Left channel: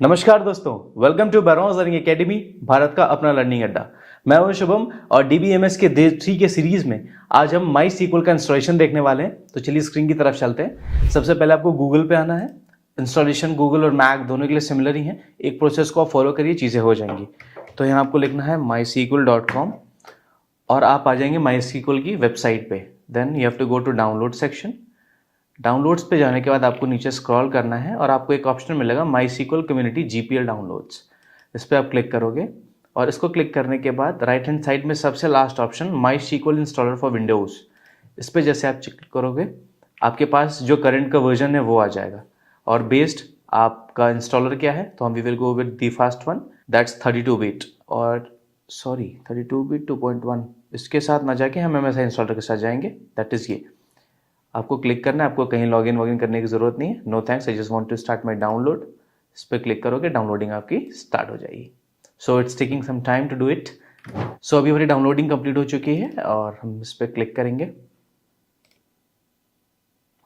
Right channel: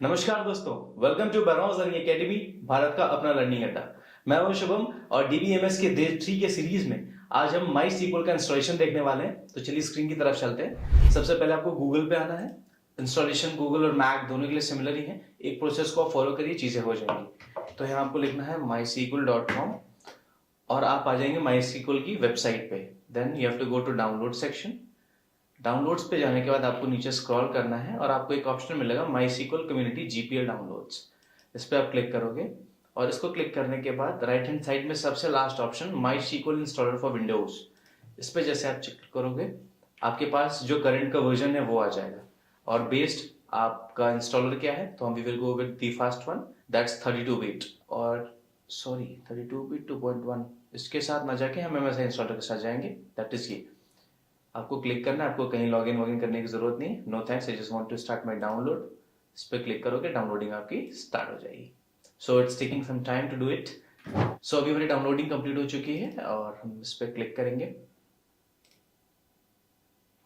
नमस्कार दोस्तों, welcome to बैरोज लर्निंग एकेडमी, भारत का अपना लर्निंग अड्डा। मैं हूं शुभम और डीबीएमएस के डे 3 के सीरीज में आज हम माई सीक्वल का इंस्टॉलेशन देखने वाले हैं। तो चलिए स्क्रीन की तरफ चलते हैं। सबसे पहले आपको गूगल पे आना है। इंस्टॉलेशन गूगल और मैक दोनों के लिए सिमिलर ही है। एक प्रोसेस को आप फॉलो करिए, चीज़ें हो जाएंगी। तो यहाँ आपको लिखना है mysql.com और आप आ जाएंगे MySQL की वेबसाइट पे। Then you have to go to download section. Downloads पे जाने के बाद आपको नीचे स्क्रॉल करना है और आपको एक ऑप्शन मिलेगा MySQL कम्युनिटी GPL डाउनलोड्स। इस पर आप क्लिक करोगे और इसको क्लिक करने के बाद राइट हैंड साइड में सबसे last option MySQL installer for Windows, इस पर जैसे आप क्लिक करोगे आपके पास जो करंट का वर्जन है वो आ जाएगा। और बेस्ड आपका इंस्टॉलर क्या है, तो हम we will go with the first one, that's 32 bit और 32 बिट 2.1। इसके साथ ना जाके हम MSI इंस्टॉलर के साथ जाएंगे, दैट इज़ ये। आपको क्लिक करना है, आपको कहीं लॉगिन वॉगिन करने की जरूरत नहीं है। No thanks, I just want to start my download. इस पर क्लिक करोगे, डाउनलोडिंग आपकी स्टार्ट हो जाएगी। So it's taking some time to do it. So अभी हमारी डाउनलोडिंग कंप्लीट हो चुकी है और हम इस पर क्लिक करेंगे।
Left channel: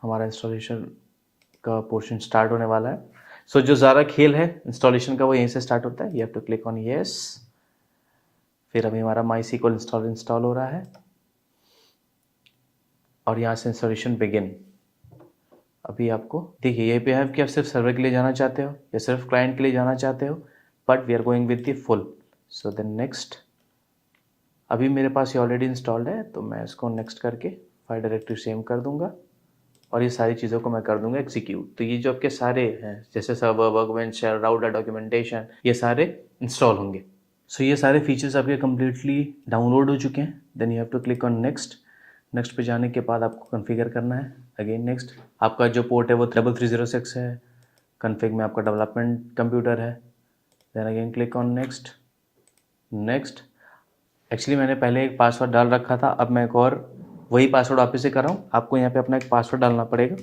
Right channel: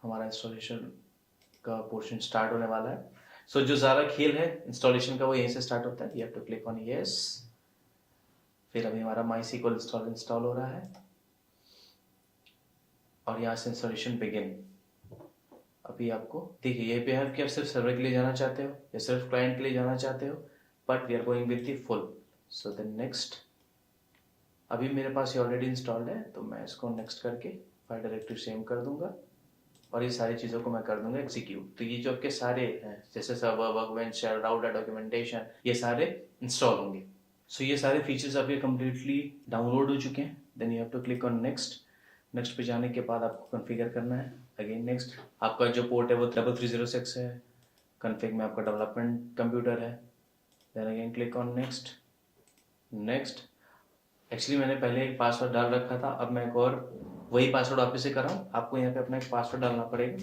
हमारा इंस्टॉलेशन का पोर्शन स्टार्ट होने वाला है। सो जो ज़्यादा खेल है इंस्टॉलेशन का वो यहीं से स्टार्ट होता है। You have to click on yes. फिर अभी हमारा MySQL इंस्टॉल हो रहा है और यहाँ से इंस्टॉलेशन बिगिन। अभी आपको देखिए ये पे है कि आप सिर्फ सर्वर के लिए जाना चाहते हो या सिर्फ क्लाइंट के लिए जाना चाहते हो, but we are going with the full. So then next. अभी मेरे पास ये ऑलरेडी इंस्टॉल्ड है तो मैं इसको नेक्स्ट करके फाइल डायरेक्टरी सेव कर दूंगा और ये सारी चीज़ों को मैं कर दूंगा एग्जीक्यूट। तो ये जो आपके सारे हैं जैसे सर्वर, वर्कबेंच, राउटर, डॉक्यूमेंटेशन, ये सारे इंस्टॉल होंगे। सो ये सारे फीचर्स आपके कम्प्लीटली डाउनलोड हो चुके हैं। Then you have to click on next. Next पे जाने के बाद आपको कॉन्फ़िगर करना है। Again next. आपका जो पोर्ट है वो 3306 है। कॉन्फ़िग में आपका डेवलपमेंट कंप्यूटर है। Then again click on next. Next. Actually मैंने पहले एक पासवर्ड डाल रखा था, अब मैं एक और वही पासवर्ड वापस से कर रहा हूँ। आपको यहाँ पे अपना एक पासवर्ड डालना पड़ेगा।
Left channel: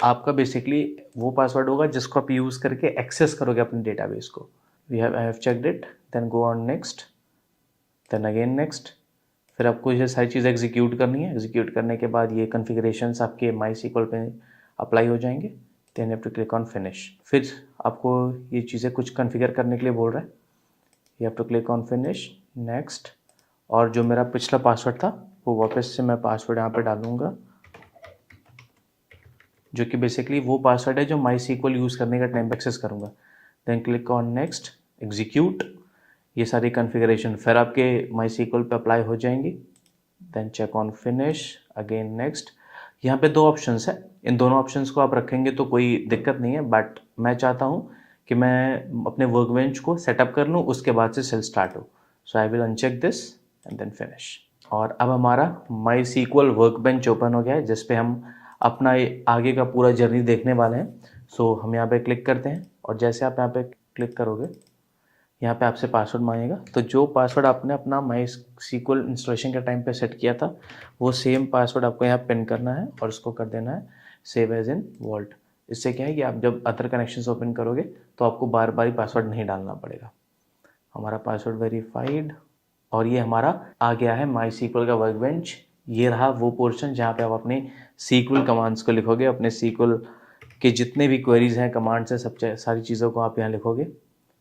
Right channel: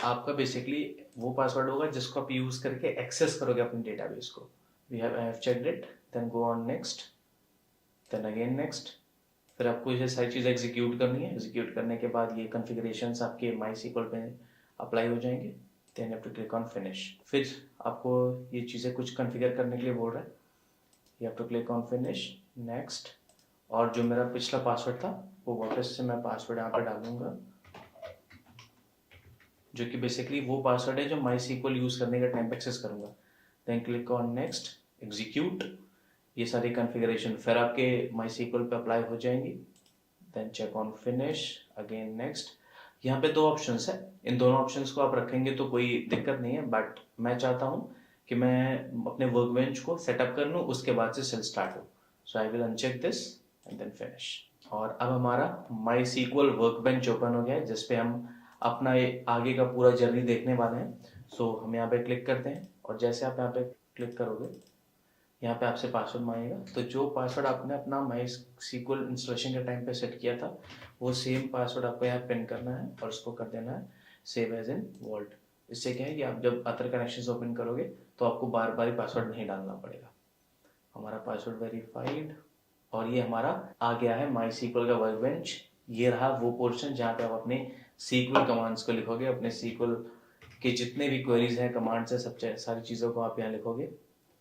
आपका बेसिकली वो पासवर्ड होगा जिसको आप यूज़ करके एक्सेस करोगे अपने डेटाबेस को। I have checked it. Then go on next. Then again next. फिर आपको ये सारी चीज़ एग्जीक्यूट करनी है। एग्जीक्यूट करने के बाद ये कॉन्फ़िगरेशंस आपके MySQL पे अप्लाई हो जाएंगे। Then you have to click on finish. फिर आपको ये चीज़ें कुछ कॉन्फ़िगर करने के लिए बोल रहा है। You have to click on finish. Next. और जो मेरा पिछला पासवर्ड था वो वापस से मैं पासवर्ड यहाँ पे डालूंगा, जो कि बेसिकली वो पासवर्ड है जो MySQL यूज़ करने का टाइम एक्सेस करूँगा। Then click on next, execute. ये सारी कॉन्फ़िगरेशन फिर आपके MySQL पे अप्लाई हो जाएंगी। Then check on finish. Again next. यहाँ पे दो ऑप्शंस है, इन दोनों ऑप्शंस को आप रखेंगे तो कोई दिक्कत नहीं है, बट मैं चाहता हूँ कि मैं अपने वर्कबेंच को सेटअप कर लूँ, उसके बाद से सेल स्टार्ट हो। So I will uncheck this and then finish. और अब हमारा MySQL वर्कबेंच ओपन हो गया है जिस पे हम अपना आगे का पूरा जर्नी देखने वाले हैं। सो हम यहाँ पे क्लिक करते हैं और जैसे आप यहाँ पे क्लिक करोगे यहाँ पे आपसे पासवर्ड मांगेगा। तो जो पासवर्ड आपने अपना MySQL इंस्टॉलेशन के टाइम पे सेट किया था वो सेम पासवर्ड आपको यहाँ पिन करना है और उसको कर देना है सेव एज इन वॉल्ट। इससे क्या है कि आप जब अदर कनेक्शंस ओपन करोगे तो आपको बार बार पासवर्ड नहीं डालना पड़ेगा। हमारा पासवर्ड वेरीफाइड और ये हमारा आ गया है MySQL का वर्कबेंच। ये रहा वो पोर्शन जहाँ पे आप अपने SQL कमांड्स को लिखोगे, अपने SQL के जितने भी क्वेरीज हैं, कमांड्स हैं, सब सारी चीज़ों को आप यहाँ लिखोगे।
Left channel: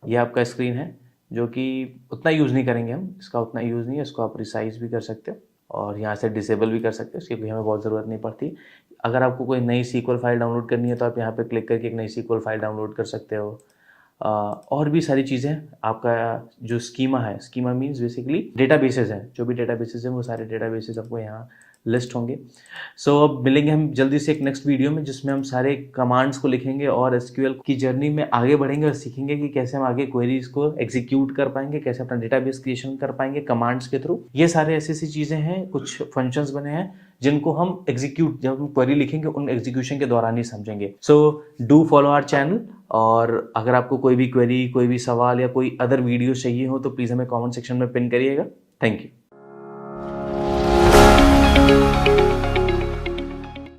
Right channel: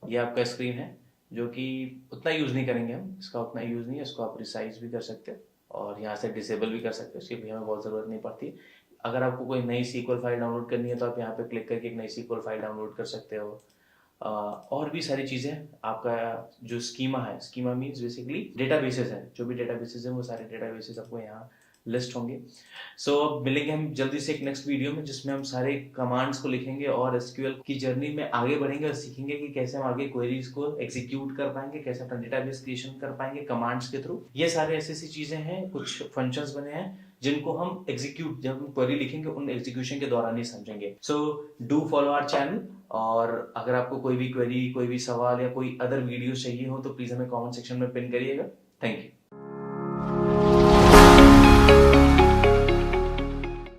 ये आपका स्क्रीन है जो कि उतना यूज़ नहीं करेंगे हम, इसका उतना यूज़ नहीं है। इसको आप रिसाइज भी कर सकते हो और यहाँ से डिसेबल भी कर सकते हो, इसकी भी हमें बहुत ज़रूरत नहीं पड़ती। अगर आपको कोई नई SQL फाइल डाउनलोड करनी है तो आप यहाँ पे क्लिक करके एक नई SQL फाइल डाउनलोड कर सकते हो। और भी सारी चीज़ें। आपका जो स्कीमा है, स्कीमा मीन्स बेसिकली डेटाबेसेस हैं, जो भी डेटाबेसेस हैं वो सारे डेटाबेसेस आपको यहाँ लिस्ट होंगे। सो अब मिलेंगे हम जल्दी से एक नेक्स्ट वीडियो में जिसमें हम सारे कमांड्स को लिखेंगे और SQL की जर्नी में आगे बढ़ेंगे और सीखेंगे कि कैसे हम आगे क्वेरीज को एग्जीक्यूट कर पाएंगे, कैसे अपना डेटाबेस क्रिएशन कर पाएंगे कमांड्स के थ्रू। ये सारे ऐसी ऐसी चीज़ें हैं, कुछ फंक्शंस बने हैं जिनको हम एग्जीक्यूट, जब हम क्वेरी लिखेंगे उन एग्जीक्यूशन के दौरान ही समझेंगे। So do follow our channel. और अगर आपको कोई भी क्वेरी, कोई भी सवाल या कोई अदर वीडियो चाहिए हो तो प्लीज़ हमें कमेंट सेक्शन में पिन करिएगा। Thank you.